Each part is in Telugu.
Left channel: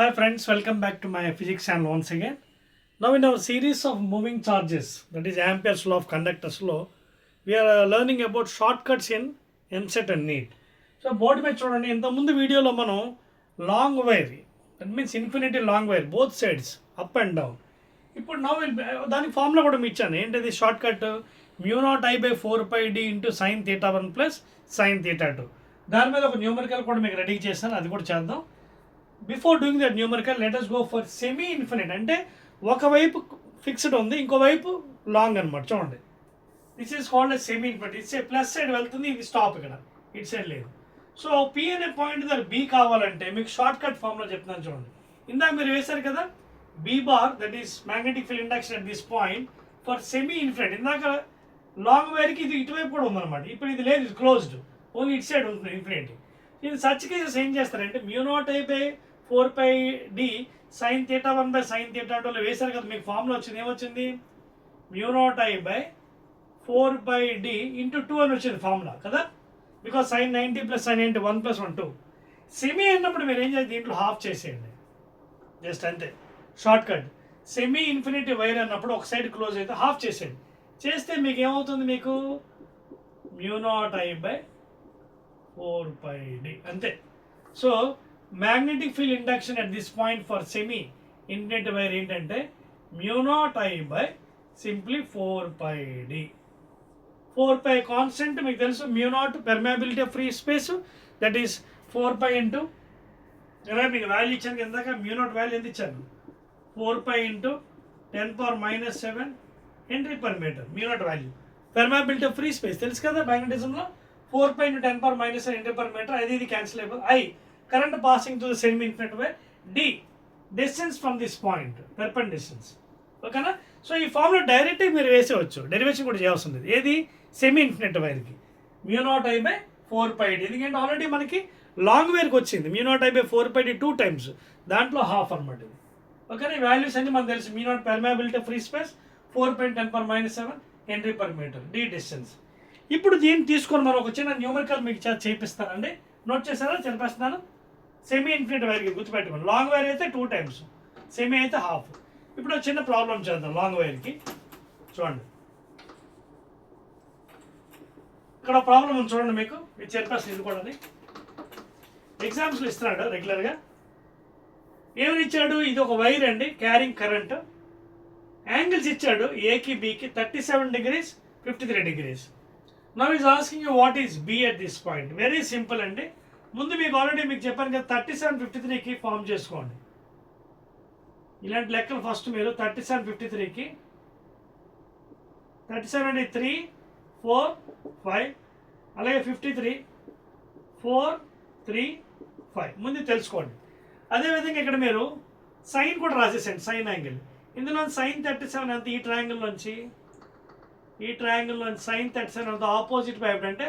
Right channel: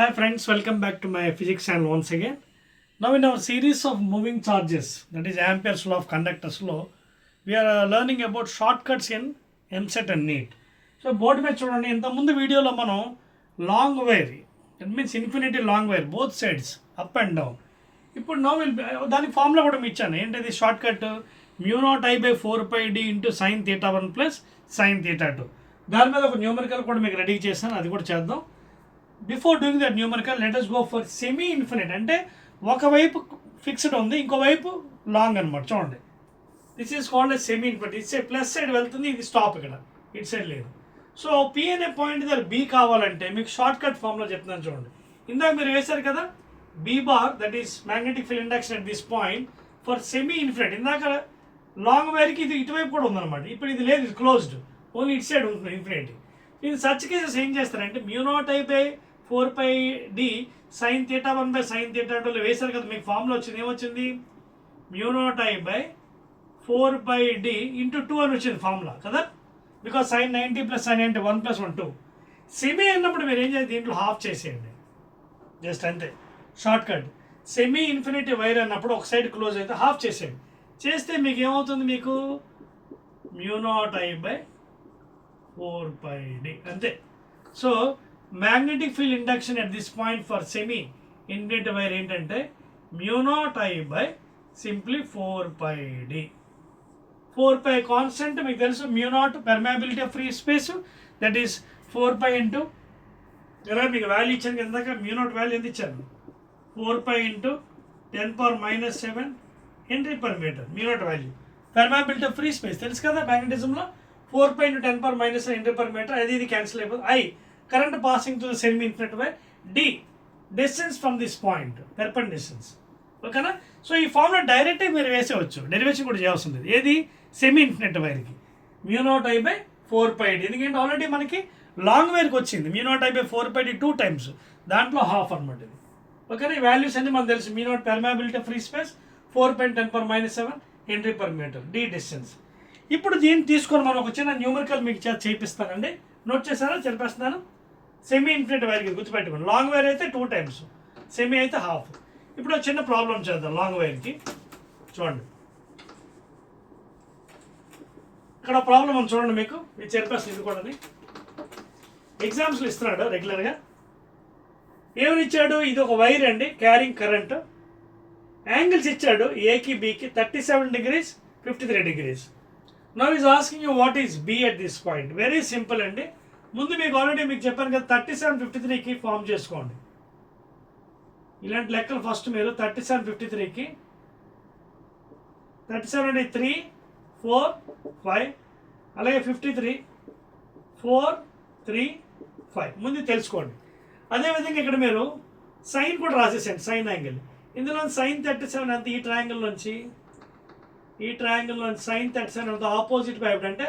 Hi friends, welcome back to my physics channel once again. Now in our series of moving charges, that is Ampere's law of conductor's law, we are learning about shortcuts in MSET and NEET. So board మీద చూడండి, ఇంతకుముందు వీడియోలో మనం long wire, that means infinity long wire both sides up and down. ఇప్పుడు నో దానికి ఫార్ములా కూడా మీకు ఇచ్చాను. ఏంటిది short cut μ0I/4πd into sine theta 1 plus sine theta 2. దాని మీద ఒక న్యూమరికల్ కూడా మీకు రెడీ చేశాను, అది కూడా చేద్దాం. Before doing that numerical let us go for semi infinite. అంటే ఒకవైపు ఫిక్స్డ్ ఉంది, ఇంకోవైపు లాంగ్ అనమాట. చూడండి, this is called a semi infinite. It's a plus side వెళ్తుంది, ఇది స్టాప్ ఇక్కడ, ఇట్ సైడ్ లేదు. సో పి అనే పాయింట్ దగ్గర బి కావాలంటే మీకు షార్ట్ కట్ ఫామ్లో చెప్తున్నాను చూడండి. ఇందాక మీరు వేశారు కదా, B bar that is magnetic field induction at this point for semi infinite. ఇందాక లాంగ్ వైర్కి ఇది ఇటువైపు కూడా ఉందన్నమాట. ఇప్పుడు ఇది లేదు, ఇది క్లోజ్డ్, ఓన్లీ ఇట్ సైడ్ ఉంటుంది ఇన్ఫినిటీ. ఇది సచ్ కేసెస్ ఏం చేస్తారంటే μ0I/4πd సైన్ థీటా 1/సైన్ థీటా 2లో వేశారు కదా, మీకు ఫార్ములా వచ్చింది. ఏమొచ్చింది? μ0I/4πd ఇంటూ 2 అని వచ్చింది ఫార్ములా కదా, because sine 90 plus sine 90 1 + 1 2. Semi అన్నప్పుడు మీరు ఏం చేయాలి, దీంట్లో హాఫ్ చేసేయండి జస్ట్ అంతే. Short cut semi infinity wire అన్నప్పుడు ఒక సైడ్ క్లోజ్ అయితే హాఫ్ చేసేయండి. చేస్తే మీకు ఏమవుతుంది, మీకు μ0I/4πd అంతే. So magnetic field induction at this point for semi infinity wire ఏంటంటే μ0I/ సింప్లీ 4πd. 4π కాన్స్టెంట్ మీకు తెలుసు. μ0 permeability of free space, that is 4π into ఇలా మీకు వాల్యూ ఇచ్చాను ఇందాక. μ0 వాల్యూ ఎంత ఇచ్చాను? 4π into 10⁻⁷ H/m. μ0 value permeability of free space తెలుసు కదా మ్యాగ్నెటిజంలో. 4π ఇంటూ 10⁻⁷ H/m. అది ఇది క్యాన్సిల్ అయిపోతుంది. I current passing through the semi infinite wire. D distance from this point, perpendicular distance. ఓకేనా? సో ఈ ఫార్ములా డైరెక్ట్గా మీరు వేసేవచ్చు, డెరివేషన్ కూడా చేయాల్సి ఉంది. ఏది? సెమీ ఇన్ఫినిట్ వైర్కి μ0I/4πd. ఎందుకంటే ఆల్రెడీ మనకి లాంగ్ వైర్కి వచ్చింది μ0I/4πd 2 times, దాంట్లో హాఫ్ అనమాట ఇది. ఓకేనా? ఈ వాల్యూస్ అన్ని మనకు తెలుసు. μ0 permeability free space, 4π 10⁻⁷ H/m. D distance. ఇప్పుడు దీన్ని తీసుకొని మనం ఒక చిన్న న్యూమరికల్ మీకు చేపిస్తానండి. నోట్ చేశారా? చెప్పేస్తున్నాను. సెమీ ఇన్ఫినిట్ వైర్కి గుర్తుపెట్టుకోండి. లాంగ్ వైర్ అయితే 2 times, సెమీ అయితే హాఫ్. ఇప్పుడు ఒక చిన్న ప్రాబ్లం చేద్దాం లాంగ్ వైర్కి. చూడండి, ఇక్కడ ప్రాబ్లం ఉంది చూడండి, మీకు చెప్పేస్తాను. ఇది కూడా ఎగ్జామ్స్లో ఇస్తున్నాడు రెగ్యులర్గా. ఏమని ఇచ్చాడు? ఇది ఒక వైర్ అండి, క్యారింగ్ కరెంట్. యాంగిల్స్ ఇచ్చాడు ఏకి బికి 37 degrees 53 degrees. Now is asking you what is be at this point. Very simple అండి. ముందు మీకు ఆల్రెడీ మీకు చెప్పాను కదా, 37 53కి ఫామ్ చేసుకోండి. ఇలాంటి లెక్కలు ఫస్ట్ మీరు 37 53కి 37 అంటే 3 4 5, అలాగే 53 4 3 5 ముందు తెలుసుకోండి. అదేవిధంగా ఇక్కడ మీరు సైన్ కూడా రాసేసండి, సైన్ యాంగిల్. ఇందులో సైన్ 37 అంత ఈ ట్రయాంగిల్ నుంచి సైన్ 37 అంత ఆపోజిట్ వైపు అంటే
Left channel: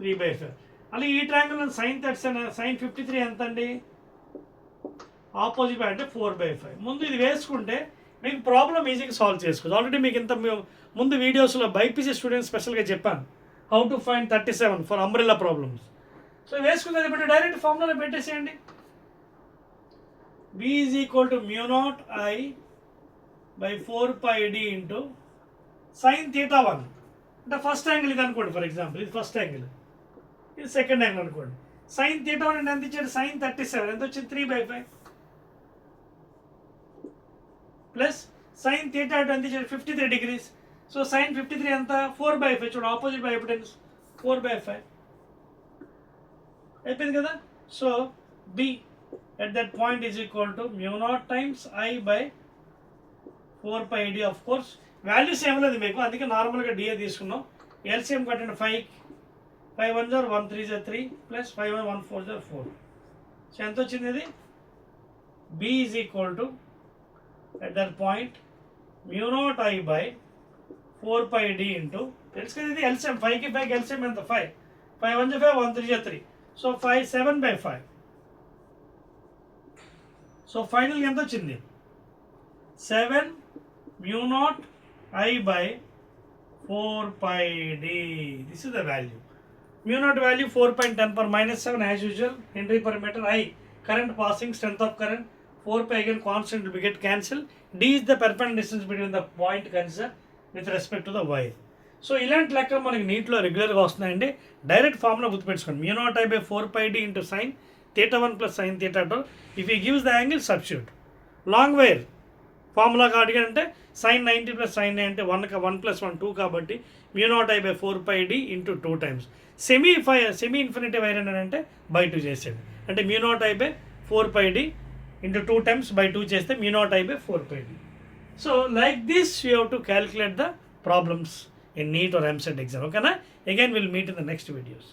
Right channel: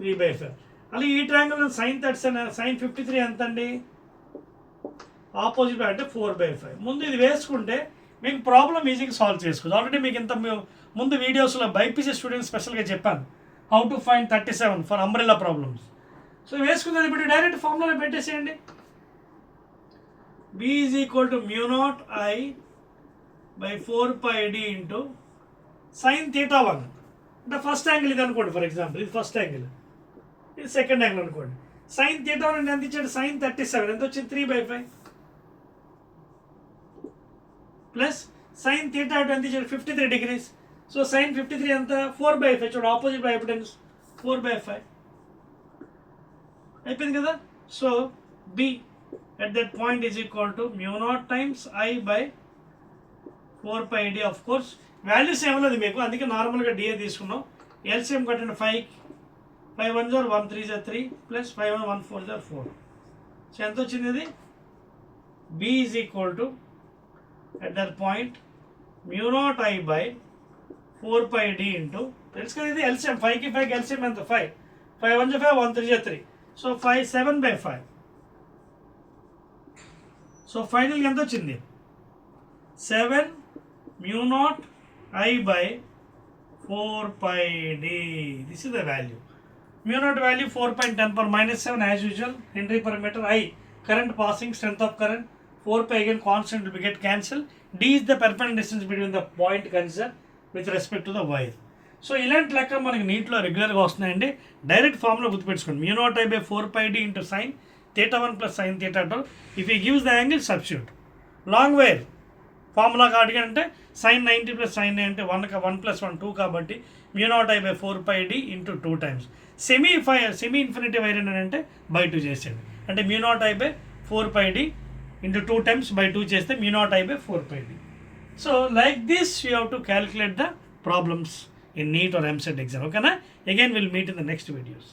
3/5. అలాగే ఈ ట్రయాంగిల్ సైన్ 37 సైన్ 53 ఎంత అండి? ఆపోజిట్ వైపు అంటే 4/5. ముందు ఇది వేసుకుంటే మీకు ప్రాబ్లం ఈజీగా సాల్వ్ చేసుకోవచ్చు. ఆల్రెడీ మీకు ఇంత ముందు వీడియోస్లో బైపీసీ స్టూడెంట్స్ స్పెషల్గా చెప్పాను how to find 37 for umbrella problems. So వేసుకునేది ఇప్పుడు డైరెక్ట్ ఫార్ములాలో పెట్టేసేయండి. B is equal to μ0I/4πd into sine theta 1 అంటే ఫస్ట్ యాంగిల్ ఇది అనుకోండి. ఫర్ ఎగ్జాంపుల్ ఇది ఫస్ట్ యాంగిల్, ఇది సెకండ్ యాంగిల్ అనుకోండి. సైన్ థీటా 1 అంటే ఎంత ఇచ్చాడు? సైన్ 37 ఎంత వచ్చింది? 3/5 ప్లస్ సైన్ థీటా 2 ఎంత ఇచ్చాడు? 53 degrees. సో సైన్ 53 ఎంత? 4/5. చూడు ఆపోజిట్ బై ఎవిడెన్స్ 4/5 అయిపోయింది కదా. So B at that point is equal to μ0 times I/4πd. of course values ఏమలేదు మీకు, అందుకే నార్మల్గా డిఏ తీసుకున్నాం. ఎల్సిఎం కట్టండి. 5 1 0 1 3 3 ప్లస్ 5 1 1 4 4. సో ఎంత వచ్చింది ఇది? B is equal to at that point μ0I/4πd into తెలుసు కదా, ఇది ఎల్సిఎం. 5కి 5కి ఎల్సిఎం ఎంత? 5 1 5 1 3 3. సో 5 7/5. సో ఫైనల్గా ఎంత వచ్చింది? 7 μ0I/4πd. This is the value. μ0 value 4 × 10⁻⁷ as usual H/m. I current passing, strength of current, 4 pi again constant will be get cancelled. D is the perpendicular distance between the point considered with respect to the wire. So ఇలాంటి లెక్క మనకి నీట్లో రెగ్యులర్గా వస్తున్నాయండి. డైరెక్ట్ ఫార్ములా గుర్తుపెట్టుకోండి, mu naught I by 4 pi d into sin theta 1 plus sin theta 2. If he gives the angle, substitute. Long wire formula అడిగారంటే sin 90 plus sin 90 అంటే 1 plus 1 2 కాబట్టి mu naught I by 4 pi d into 2 times. Semi infinity wire అంటే బై 2 చేసేది, అంటే mu naught I by 4 pi d into 2 times by 2 చేస్తే mu naught I by 4 pi d. So like this you have to calculate the problems in NEET or MCET exam. Okay, na? Again we'll meet in the next videos.